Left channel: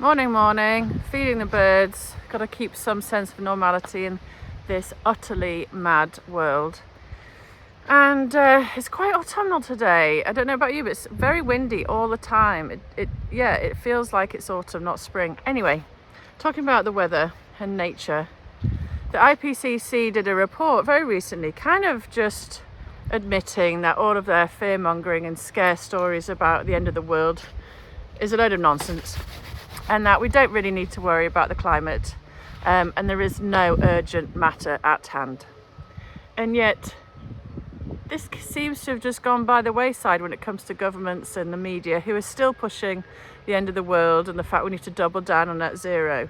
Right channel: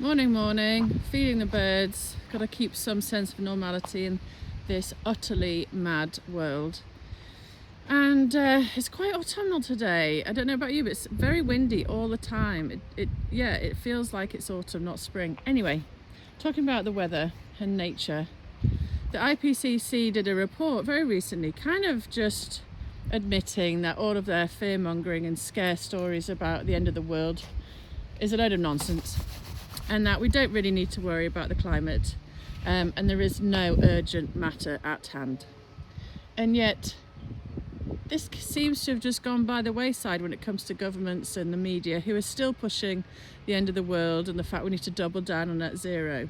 Morning, feeding the birds. Got to keep some sense of normality in this utterly mad world. And it's quite autumnal today. I don't know about you, but it's very windy all the time. It feels like it's autumn, not spring. Anyway, talking about the weather and nature, the IPCC did a report very recently, kind of just admitting that all of their fear-mongering and scare stories about the end of the world is a load of nonsense, and that we don't really need to worry about the climate, and there is no urgent matter at hand. And yet this seems to have just gone by the wayside when it comes to governments and the media, who are still pushing the end of the world and the fact we need to double down on net zero.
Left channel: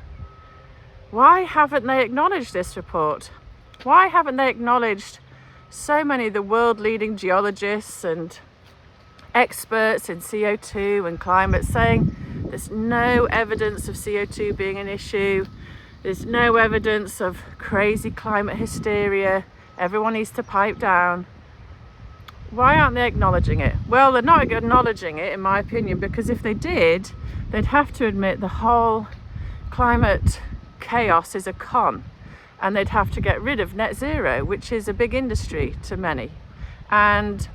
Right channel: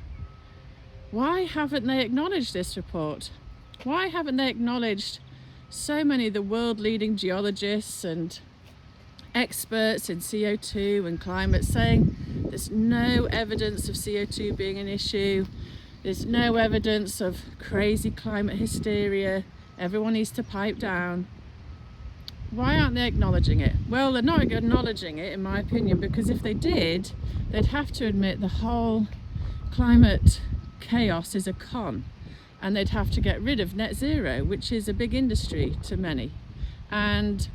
Why haven't they acknowledged this report? Why haven't they acknowledged so many of the world leading geologists and experts in CO2 and climate saying there's no evidence of CO2 being an issue, there's no evidence of crazy climate hysteria, everyone needs to pipe down? Why aren't they acknowledging it? Well, they're not acknowledging it, in my opinion, because if they did, they'd have to admit the whole climate chaos is a con, and they'd have to get rid of net zero, which is a big industry to many, and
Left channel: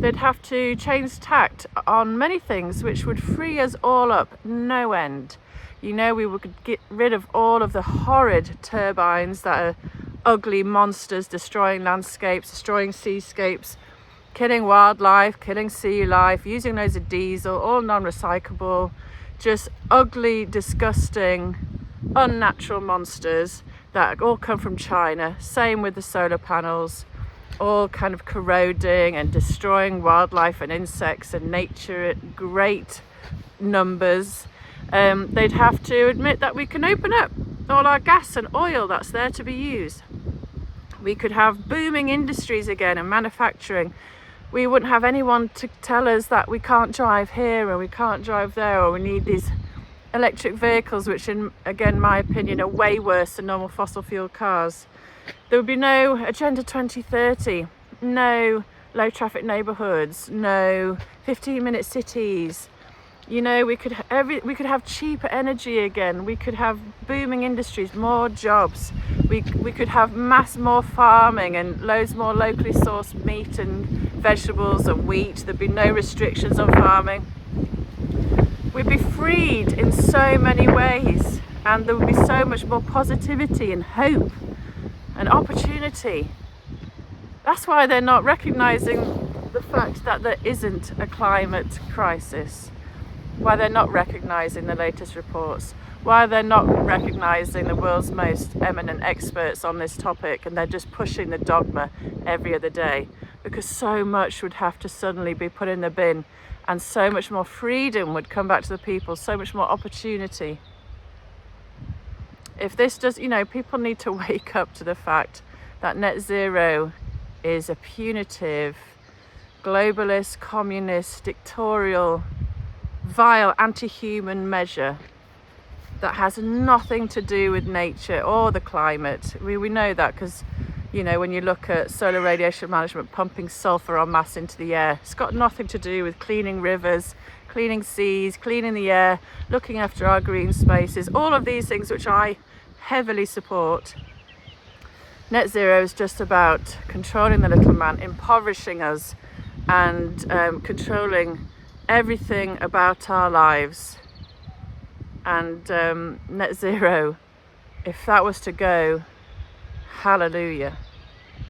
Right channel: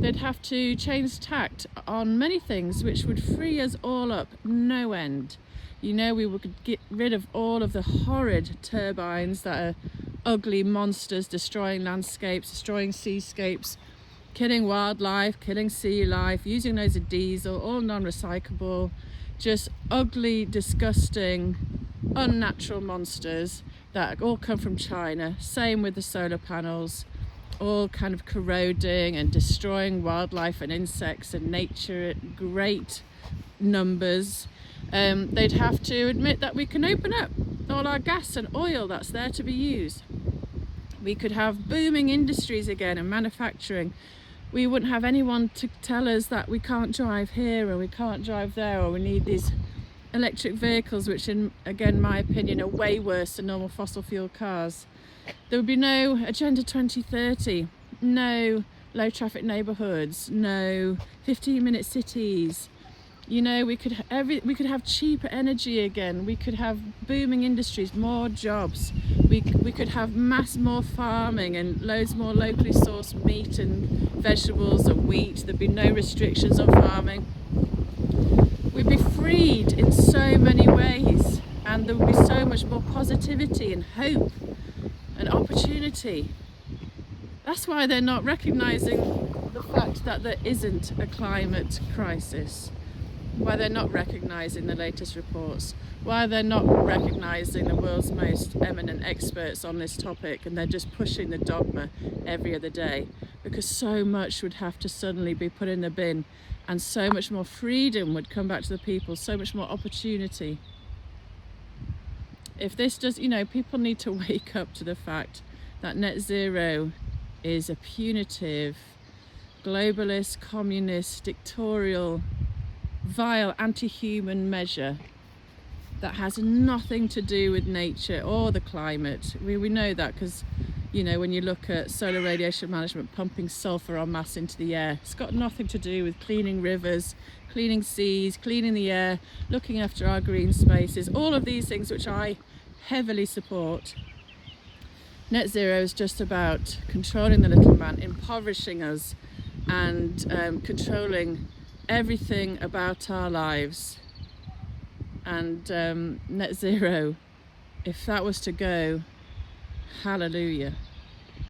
they'd have to change tact on many things which would free us all up no end. You know, we would get rid of all of the horrid turbines that are ugly monsters, destroying landscapes, destroying seascapes, killing wildlife, killing sea life, using loads of diesel, all non-recyclable, just ugly, disgusting, unnatural monsters that all come from China. Same with the solar panels, all kind of corroding and destroying wildlife and insects and nature at great numbers. They'd have to admit that we can open up all our gas and oil that's there to be used. We could have booming industries again and manufacturing. We wouldn't have anyone to tell us that we can't drive here or we can't drive there, or we need these electric vehicles, which in my opinion are way worse than normal fossil fuel cars. There would be no Agenda 2030, no low traffic neighbourhoods, no 15-minute cities. You know, we could have cheaper energy again. We could have booming industries, more jobs. We could have more farming and loads more locally sourced meat and vegetables and wheat. There'd be no restrictions on farming. We'd be freed in so many ways, and there would be so much more positivity and hope and opportunity. That's why they're not recognising the fact that there isn't a climate crisis, why they're not recognising the latest reports, why they're not recognising the world's most eminent experts on this topic, and they're just pushing the dogma every other day, because so much would have to suddenly be put in the bin, and so much more freedom would come back to the people, so much more opportunity. If this does, you know, people need to wake up to the fact that net zero is a punitive, globalist, communist, dictatorial, vile, anti-human measure that has nothing to do with nature or the climate. We know that because, you know, when you look at solar radiation management pumping sulfur en masse into the air, it's got nothing to do with cleaning rivers, cleaning seas, cleaning the air, looking after our green spaces, all of these things which I heavily support. Net zero is just about controlling the little man, impoverishing us, and controlling everything about our lives. And net zero, if that was to go, hallelujah.